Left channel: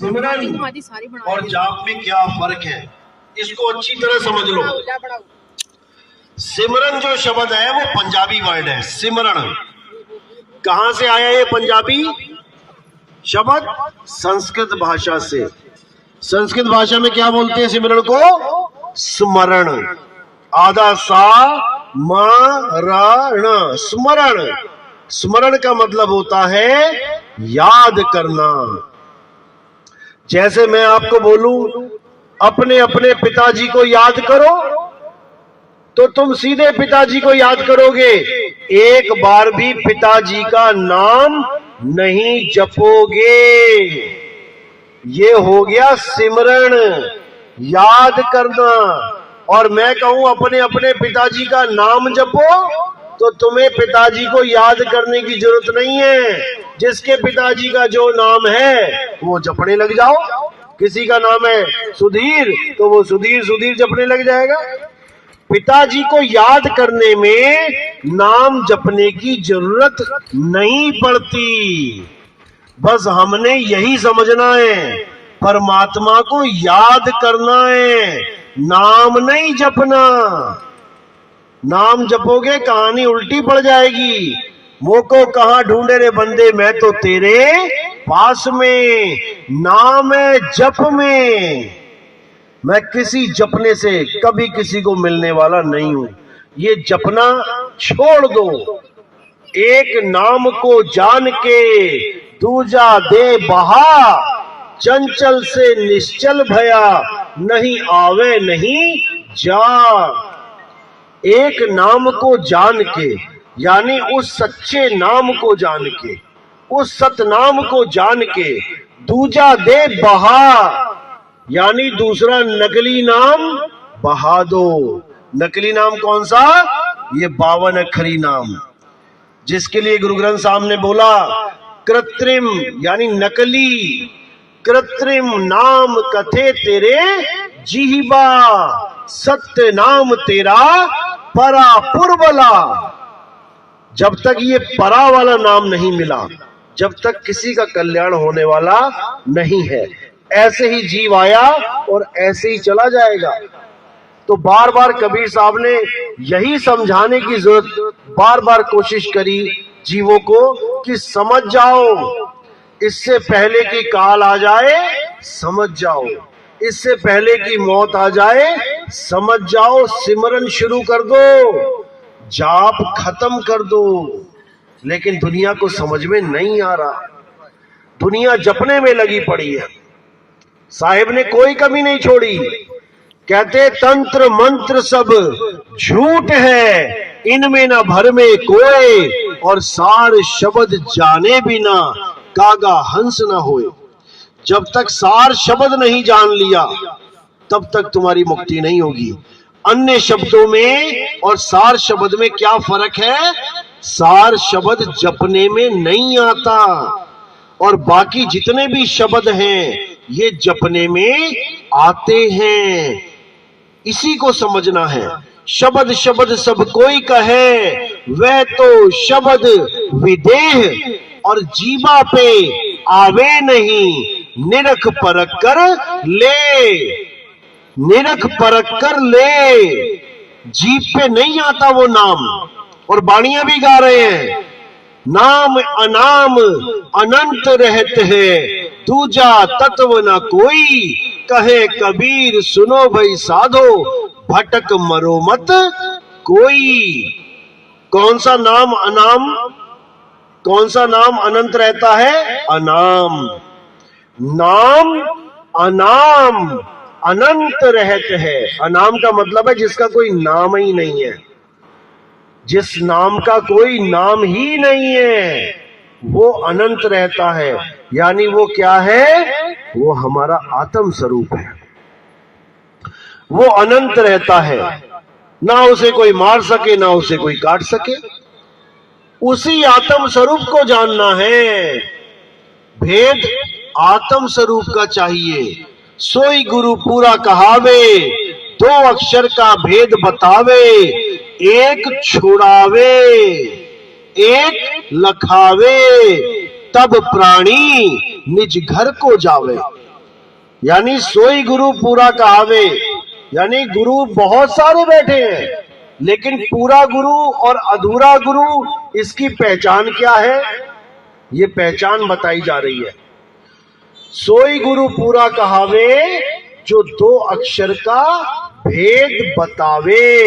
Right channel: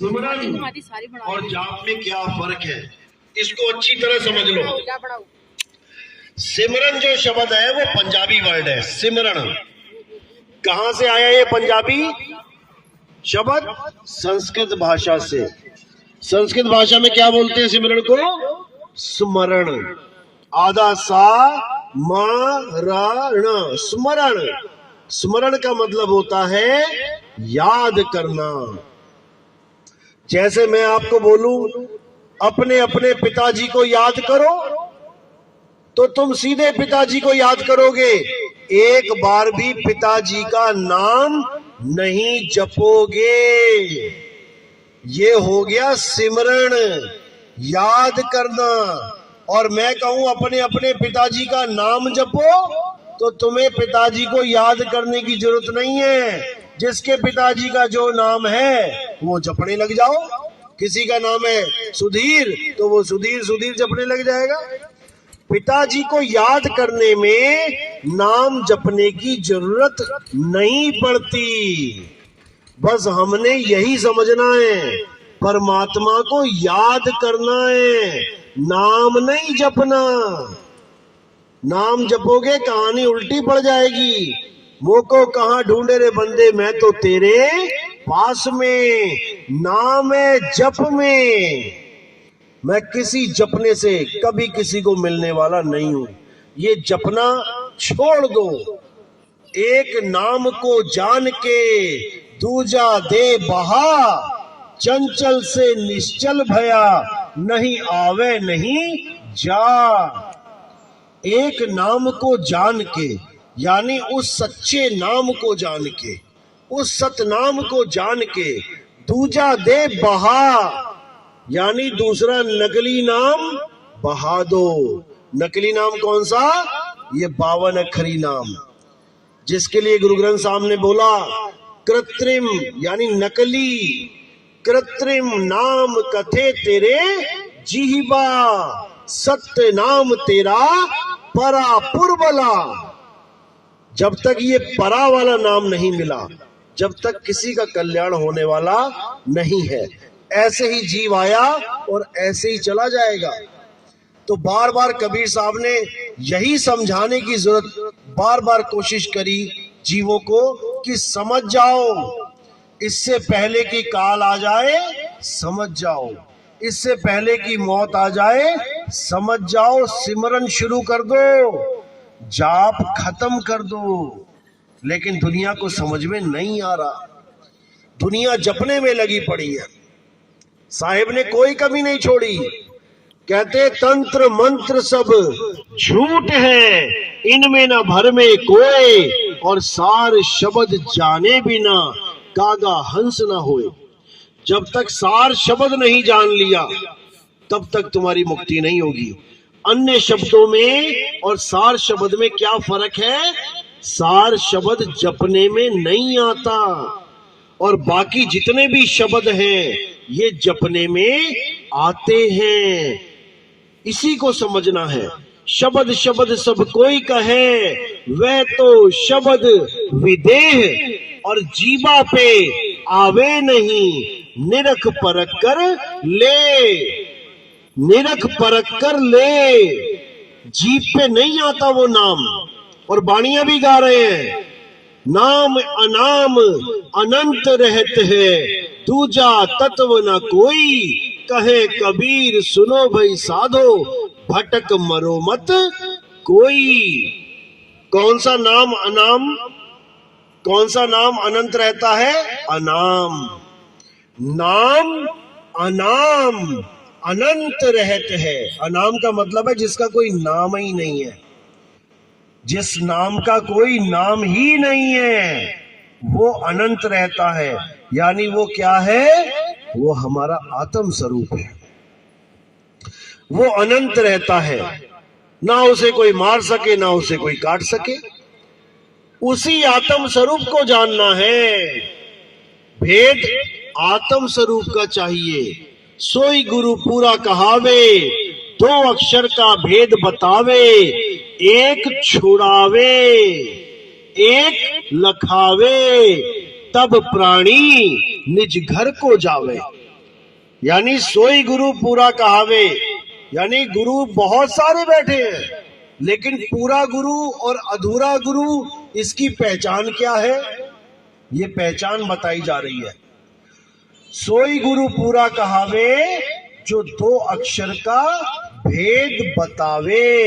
सिमरन और जाप में क्या फर्क है, इसको अच्छी तरह समझ लो। सिमरन जो शब्द है वो पंजाबी वर्ड है। सिमरन कहां से आया ये पंजाबी शब्द? संस्कृत भाषा से। संस्कृत भाषा में क्या बोलते हैं सिमरन को? स्मरण। आधा सा मरण, स्मरण। स्मरण का मतलब होता है याद करना। जैसे मैं आपको बोलूं अपने अपने पिताजी को याद करो, तो तुम सीधे पिताजी को याद करोगे, एक बार भी पिताजी का नाम नहीं जपोगे। ये हो गया सिमरण, याद करना। और मैं कहूं अपने अपने पिताजी का नाम जपो, तो तुम्हें पिताजी को याद करने की जरूरत नहीं है। जिसके पिताजी का जो नाम है वो जपने लग जाओ। किसी का नाम है सुधीर, तो वो सुधीर सुधीर जपने लग जाएगा। पिताजी को याद करने में नाम जपने की जरूरत नहीं पड़ती। बस हमने यही समझना है, परमात्मा को याद करना है, नाम नहीं जपना। नाम जपोगे कहानी उल्टी पड़ जाएगी। मोको कहां ढूंढे रे बंदे, मैं तो तेरे पास में। नाम है जप में। मैं किसी जपने से कभी किसी को मिलने वाला नहीं हूं। ये जपना छोड़ दो। एक नाम को जान के दूजा दे बहा, चंचल से निश्चल भया, नहीं आवे नहीं जा। एक नाम को जान के, यानी उस सच्चे नाम को जान के, उस सतनाम को जान के, दूजा दे बहा, यानी दूसरा नकली नाम बहा दो। नकली नाम कौन सा? ये 52 अक्षरी नाम, जिसके लिए गुरु ग्रंथ साहब ने बोला कृत्रिम यानी नकली, कृत्रिम नाम कथे तेरे जीवा, सत्य नाम तेरा परा पुरबला। जब तक ये परा वाला नाम नहीं मिला, जब तक किसी का कल्याण होने वाला नहीं है। ऐसे ही जीव आया और ऐसे ही चला जाएगा। तो बार बार कबीर साहब ने यही समझाने की जरूरत, बार बार कोशिश करी जीवों को कि समझ जाओ, इससे पहले कि काल आ जाए समझ जाओ, इससे पहले कि मौत आ जाए समझ जाओ। सिमरन शुरू कर दो, जाप खत्म कर दो। लेकिन दुनिया को समझ में नहीं आ रहा, दुनिया जपने में लगी पड़ी है। साहिब ने कोई कमी नहीं छोड़ी। कहते तंत्र मंत्र सब झूठ है, इनमें न भर में कोई, और सार शब्द जाने बिना कागा हंस न होए। जब तक सार शब्द नहीं जान लिया तब तक तुम्हारी मुक्ति नहीं होगी। अन्य शब्दों में और सार शब्द में क्या फर्क है? सार शब्द जपने में नहीं आता, और बाकी जितने भी शब्द हैं ये जपने में आते हैं। इसी को समझना है। शब्द शब्द सब कोई कहे, वह तो शब्द विदेह, और जीवा पे आवे नहीं, निरख परख कर ले, निरख परख कर ले। जीभ पे नहीं आता वो नाम। और बाणियां भी गा रहे हैं, नाम अनाम अनंत रहते हैं, दूजा तत्व न कोई, कहे कबीर सुनो भाई साधो, भटक मरो मत कोई। कौन सा नाम अनाम, कौन सा नाम अनंत रहता है? अनाम। नाम अनाम अनंत रहते हैं। अनाम का मतलब है जिसका कोई नाम ही नहीं है। जिस नाम का कोई नाम ही नहीं है वो अनंत रहता है। यानी वो क्या है? वो हमारा आत्म स्वरूप है। वो अनंत रहता है, ना उसे कोई मार सके ना उसे कोई काट सके। उसी आत्म स्वरूप को जानना है। भेद आत्म स्वरूप का चाहिए। सोई गुरु पूरा कहावे, 2 अक्षर का भेद बतावे, एक छुड़ावे एक लखावे, तब प्राणी निज घर को जावे। यानी सोई गुरु पूरा कहावे, यानी गुरु बहुत सारे बैठे हैं, लेकिन पूरा गुरु और अधूरा गुरु, इसकी पहचान क्या है? ये पहचान बताई जा रही है। सोई गुरु पूरा कहावे, जो 2 अक्षर का भेद बतावे।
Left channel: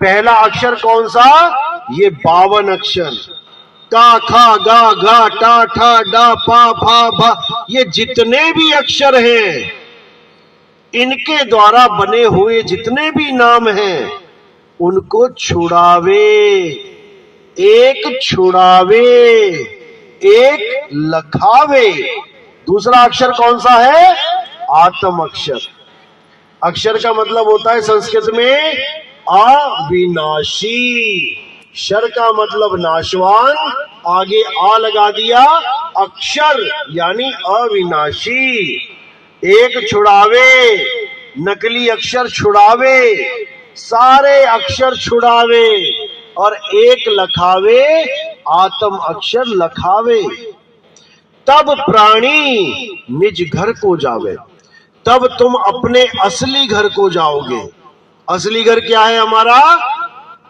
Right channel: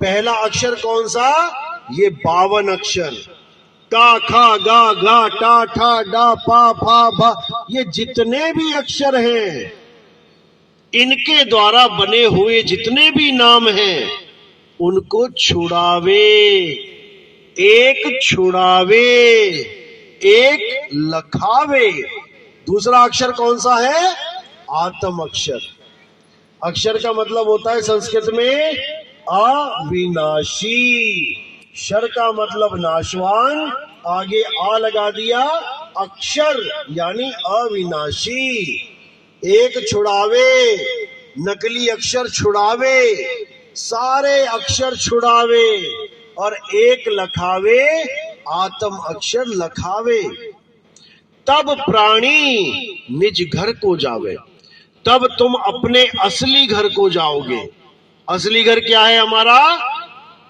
पहला अक्षर कौन सा? ये 52 अक्षर, का खा गा घा टा ठा डा पा फा भा, ये जितने भी अक्षर हैं, इनके द्वारा बने हुए जितने भी नाम हैं, उनको छुड़ावे, एक छुड़ावे, एक लखावे। दूसरा अक्षर कौन सा है? आत्म अक्षर। अक्षर का मतलब होता है संस्कृत में अविनाशी। शर का मतलब नाशवान, आगे आ लगा दिया, अक्षर यानी अविनाशी। एक छुड़ावे, नकली अक्षर छुड़ावे, सारे अक्षर छुड़ावे, और एक लखावे, आत्म अक्षर लखावे। तब प्राणी निज घर को जावे, तब तुम अपने असली घर को जाओगे। असली घर क्या है हमारा?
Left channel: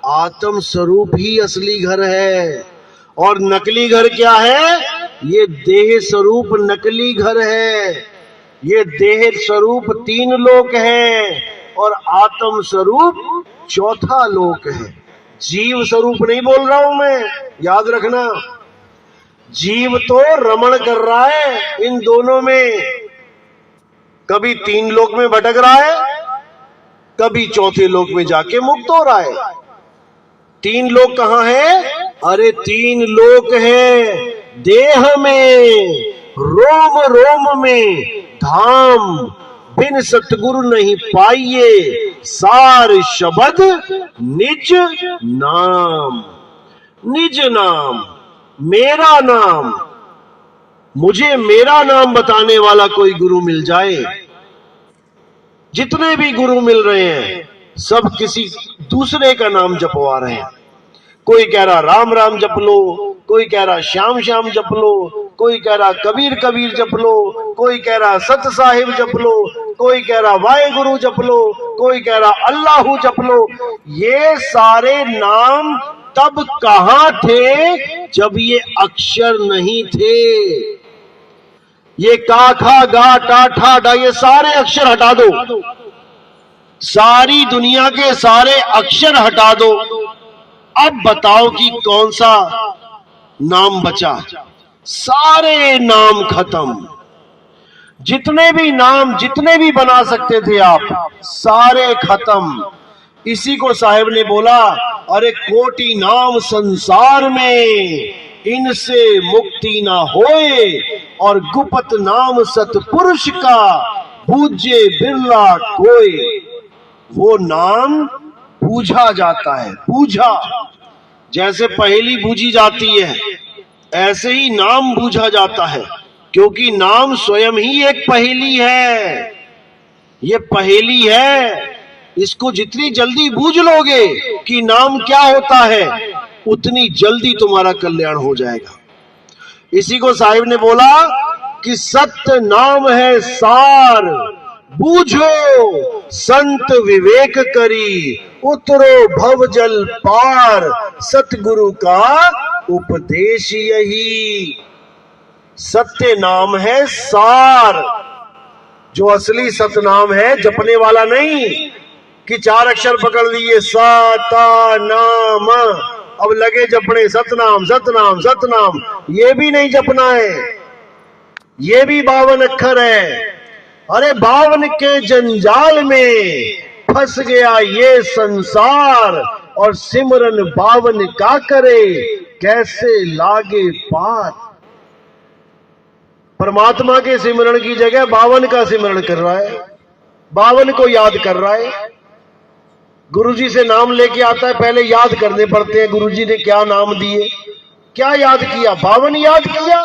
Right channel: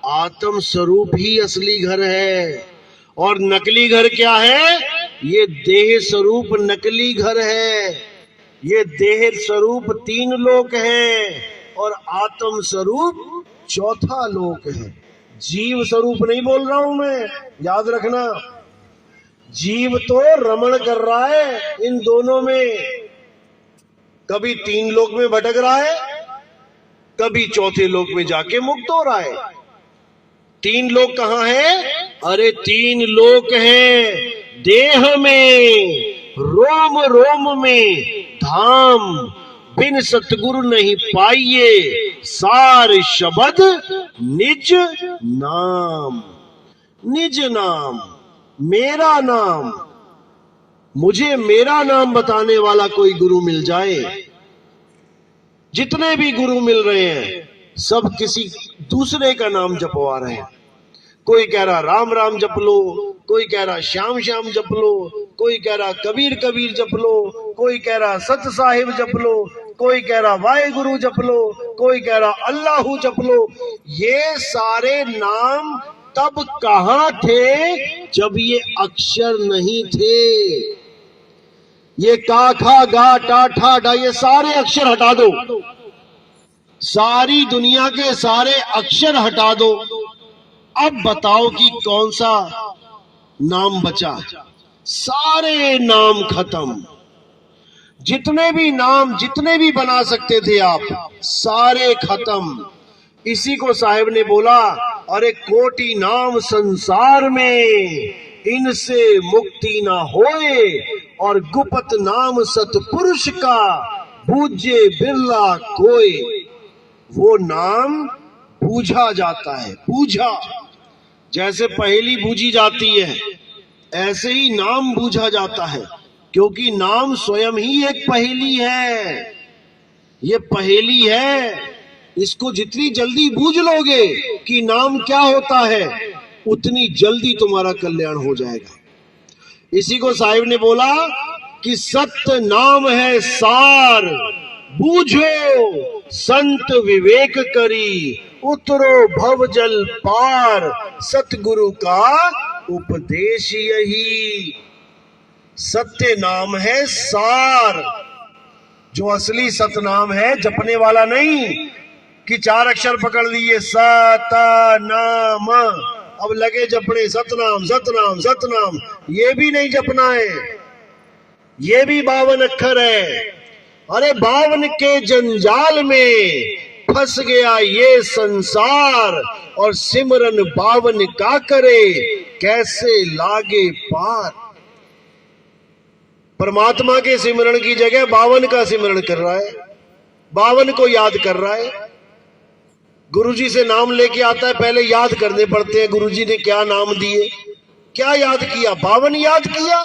आत्म स्वरूप ही असली घर है। और नकली घर क्या है? ये देह स्वरूप नकली घर है। ये देह स्वरूप 3 लोक है, और आत्म स्वरूप 4था लोक है। जीव स्वरूप नहीं बोल रहा हूं मैं, याद रखना। जीव तो रमण कर रहा है इन दोनों में, कभी 3 लोक में भटक रहा है, कभी 4थे लोक में जाके मुक्त हो रहा है। 3 लोक कहां है? अरे 3 लोक है देह में, रोम रोम में धाम, बिन सतगुरु नहीं पाइए, सार शब्द निज नाम। निज नाम, मेरा नाम। मुझे मेरा नाम बताने वाला कोई गुरु मिल जाए। जितने भी गुरु मिल रहे हैं, सब किसी दूसरे का नाम जपवा रहे हैं। कोई कह रहा राम राम जप लो, कोई कह रहा श्याम श्याम जप लो, कोई कह रहा कबीर कबीर जप लो, कोई कह रहा सत साहिब जप लो, कोई कह रहा वाहे गुरु जप लो, कोई कह रहा अल्लाहू जप लो। ये सारे नाम तब कहां थे? जब ये अक्षर नहीं थे। ये का खा गा टा ठा डा, ये सारे अक्षर हटा दो, सारी दुनिया के सारे अक्षर हटा दो। अब बताओ कि कौन सा नाम बचा? सारे नाम खत्म। जितने भी नाम, जितने भी बना सकते थे आप, सारे खत्म। इसी को साहिब ने बोला, अरे कोटि नाम संसार में, इनसे मुक्ति ना होए, और गुप्त नाम सतपुरुष का, बूझे बिरला कोई। वो नाम बूझा जाता है, बूझा। जैसे पहेली बूझी जाती है, ऐसे ही नाम बूझा जाता है, क्योंकि नाम स्वयं ही एक पहेली है। ये पहेली है, इसको जितनी जल्दी बूझ लोगे कि नाम क्या होता है, उतनी जल्दी तुम्हारा कल्याण हो जाएगा। इसी को साहिब ने बोला कि सत्य नाम है सार, बूझो संत विवेक करी, उतरो भव जल पार, सतगुरु का उपदेश यही। सत्य नाम है सार, जो असली सतनाम है, जपने वाला नहीं कि 4 अक्षर पकड़ लिए सा ता नाम, अब लगे जपने सतनाम सतनाम सतनाम। ये भी नहीं जपना है, ये भी 52 अक्षर है। अरे 52 के जंजाल में फंस गया ये संसार, और सिमरन 52 का करे, कैसे लागे पार। परमात्मा के सिमरन की जगह 52 का सिमरन कर रहा है, 52 को याद कर रहा है। गुरुजी से नाम लेके आता है, पहले याद करने पड़ते हैं गुरुजी ने क्या नाम दिए, क्या याद किया? 52 याद किया।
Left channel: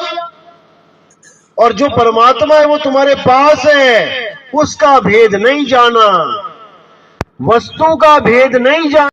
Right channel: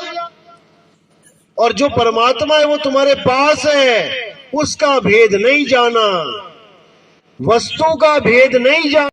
और जो परमात्मा है वो तुम्हारे पास है, उसका भेद नहीं जाना, वस्तु का भेद नहीं जाना।